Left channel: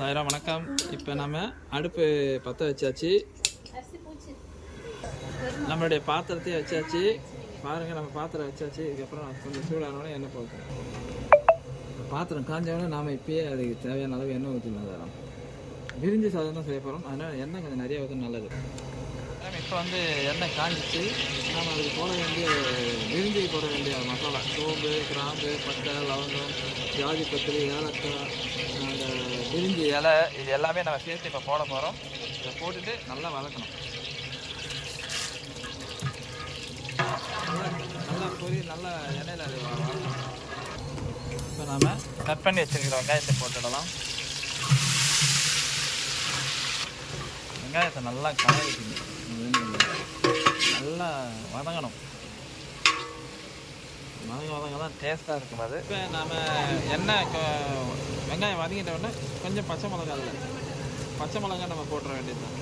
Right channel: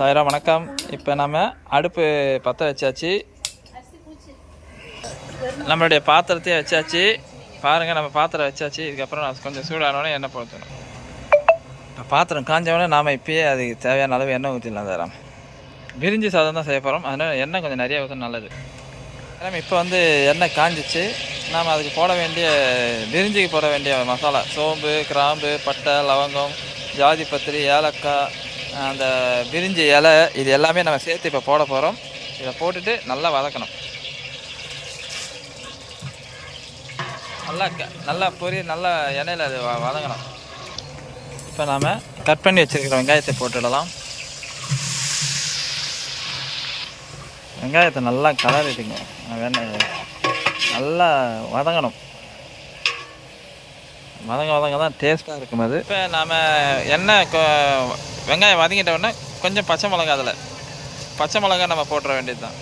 சாயிரா வணக்கம். இப்போ நம்ம அடுப்பு பற்ற வச்சாச்சு. நம்மளுடைய பாத்திரத்தையும் வச்சாச்சு. பாருங்கள் நம்ம பாத்திரம் வச்சாச்சு. இதுக்கப்புறம் நான் கொஞ்சம் சூடானோடனே எண்ணெய் போடணும் இப்போ பாத்திரம் காஞ்சவொடனே நாம் இப்போயே அதுக்கு தேவையான அளவு எண்ணெய் ஊற்றிடலாம் தரம் விரிஞ்சி சாதம் தான் செய்ய போகிறோம் அதனால் எண்ணெய் கொஞ்சம் நிறைய ஊற்ற நல்லது. நம்ம இப்போ வந்து எண்ணெய் காஞ்சிச்சு. நாம் அதுக்கு போட வேண்டிய விரிஞ்சிக்கு போட வேண்டிய மசாலா. சோம்பு கிராம்பு பட்டை லவங்கம் ஜாதி பத்திரி ஏலக்காய் அந்த பிரிஞ்சு இலை இது எல்லாமே நம்ம சேர்த்து இப்போ போட போகிறோம் இதை போட்டுட்டு நல்லா வதக்கணும். நல்லா க- நல்லா பொரி நல்லா எண்ணெயில் அது வ- வதங்கணும். இப்போ நாம் கட் பண்ணி வச்சிருக்கிற வெங்காயத்தை போட்டுடலாம். வெங்காயத்தை நல்லா கலரிட்டுங்க வெண்ணெய் நல்லா வதங்கணும். வதங்க வதங்க தான் டேஸ்ட்டாக இருக்கும் அது. இப்போ நாம் எண்ணெய் கொ- வெங்காயம் வதங்கிட்ட உடனே கொஞ்சம் பச்சை மிளகா அதில். பச்சை மிளகா நம்ம போட்டுற வேண்டியது தான்.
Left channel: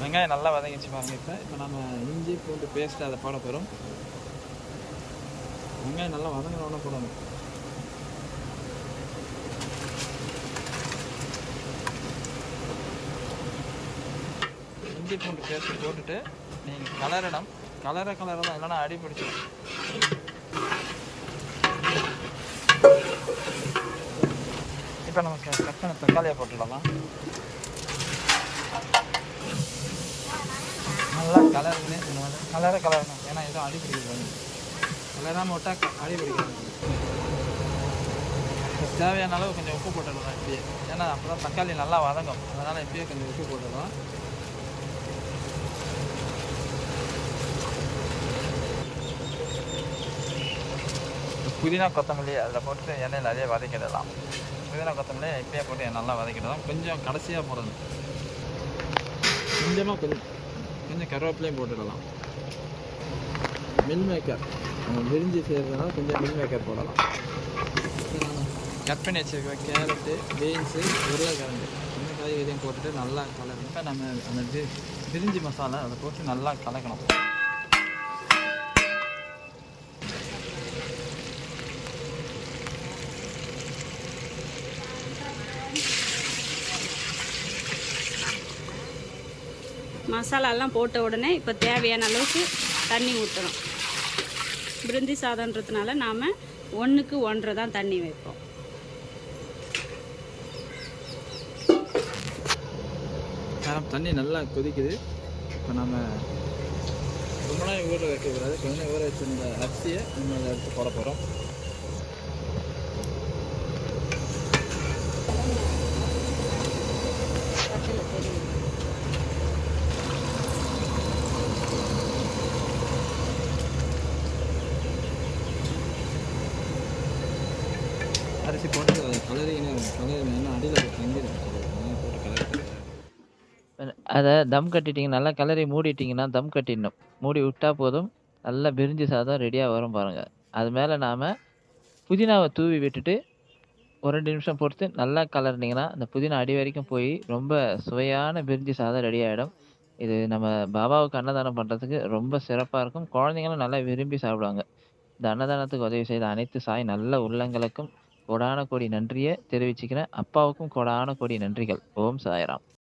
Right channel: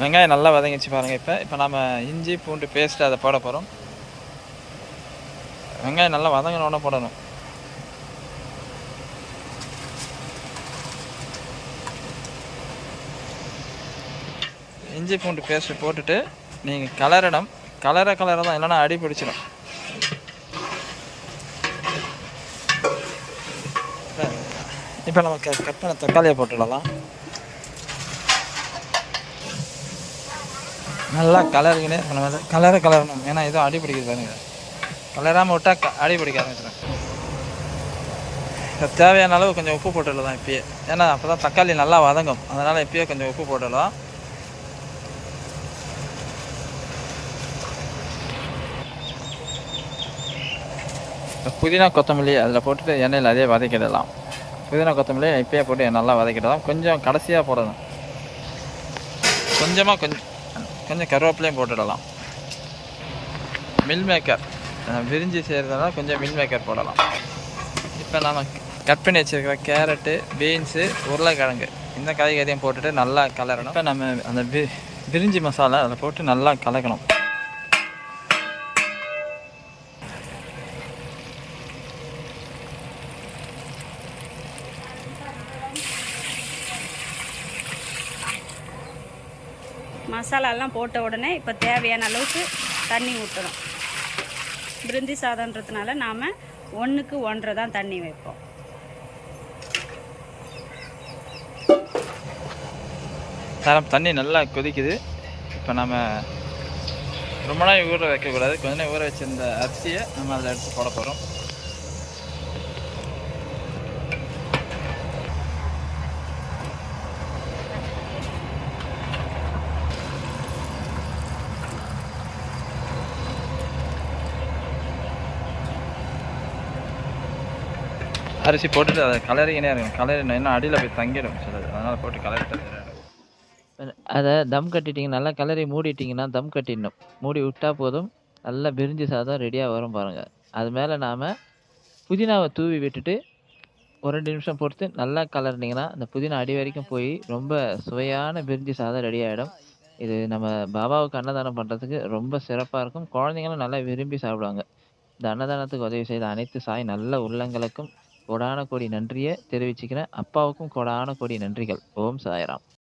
வெங்காயம் நல்லா வதங்கிச்சு பாருங்கள் இப்போ. இப்போ நம்ம இஞ்சி பூண்டு பேஸ்ட்டு அதை போட போகிறோம் வெங்காயம் நல்லா வதங்கினோடனே போடணும். இஞ்சி பூண்டு பேஸ்ட்டு போட்டுட்டு நீங்கள் கலரிடம் கலரை கலரை தான். இல்லைன்னா அடி பிடிச்சிடும். இப்போ நமக்கு கட் பண்ண தக்காளியை போட்டுடலாம். நல்லா கலருக்குனே நம்ம கலரை கலரணும். ஏன்னா எதுவும் அடி பிடிக்குது பாருங்க. கலராமல் விட்டால் க அடி பிடிக்காது இப்போ தேவையான அளவு கொஞ்சம் உப்பு போட்டுடலாம் இப்பயே. ஏன்னா அப்போ தான் தக்காளி நல்லா வதங்கும். அதனால் இப்பயே கொஞ்சம் உப்பு போட்டுடலாம். புதினா கொத்தமல்லி அதில் போட்டுட்டு எண்ணெயில் அதே வதக்கிடலாம். புதினா கொத்தமல்லி இப்பயே போட்டு நல்லா வதக்கிடலாம். கொஞ்சம் கடைசியாக போடணும். கொஞ்சமாக கொஞ்சம் கொஞ்சம் கருவேப்பிலையும் போட்டுடலாம். மில் மேக்கர் விரிஞ்சி செய்கிறதுனால கொஞ்சம் மில் மேக்கர் போடலாம். இப்போ நம்ம கட் பண்ணி வச்சிருக்கிற கேரட்டு பீன்ஸு உருளைக்கிழங்கு இந்த காய்கறியும் போட்டுட்டு நல்லா கலரணும். இப்போ நம்ம அந்த வி விரிஞ்சி மசாலா அதில் போட்டு நல்லா கலக்கணும். மசாலாலாம் போட்ட உடனே இப்போ தேவையான அளவுக்கு தண்ணி ஊற்றணும் பிரிந்தி சாதன்றதுனால நாம் ஒன்றுக்கு ஒன்றரை தான் தண்ணி வைப்போம். தரம் தண்ணி நல்லா கொதிக்குது. இப்போ நம்ம ரொம்ப நாள் ஊற வைக்கக்கூடாது. கொஞ்ச நேரம் ஊற வச்சிருந்த அரிசியை நம்ம அதில் எடுத்து போட போகிறோம் அரிசி போட்டுட்டு அதை கலரிக்கினே இருக்கும் கலரி இன்னும் அடியில் போய் தங்கிடும். சிலது அதனால் போட்டு கலரிட்டு அதை தம் கட்டிட்டீங்க நல்லா கலரி மூடிட்டிங்கன்னா தம் கட்டிடணும். மூடி விட்டா போதும் நல்லா பிரிஞ்சி சாதம் ரெடியாக வரும் பாருங்கள் அது மேலே நாம் புதினாவை தூவி விட்டுட்டு ஒரு ரெண்டு நிமிஷம் பொறுத்து நல்லா கலர்னிங்கன்னா அந்த புதினா அடி வரைக்கும் போய் ரொம்ப சுவையான பிரிஞ்சி சாதம் ரெடி ஆகிடும் இது நம்ம பாபாவுக்கு அன்னதானம் பண்ணுறதுக்கு ரொம்ப சிறப்பாக இருக்கும். குழந்தைங்களும் நல்லா விரும்பி சாப்பிடுவாங்க. இந்த அன்னதானத்துக்கு உதவி செய்த அனைத்து சாய் நல்ல உள்ளங்களுக்கும் கோடான கோடி நன்றியை தெரிவிச்சுக்கிறேன். அப்பாவுக்கும் கோடான கோடி நன்றிகள். ஓம் சாய்ராம்.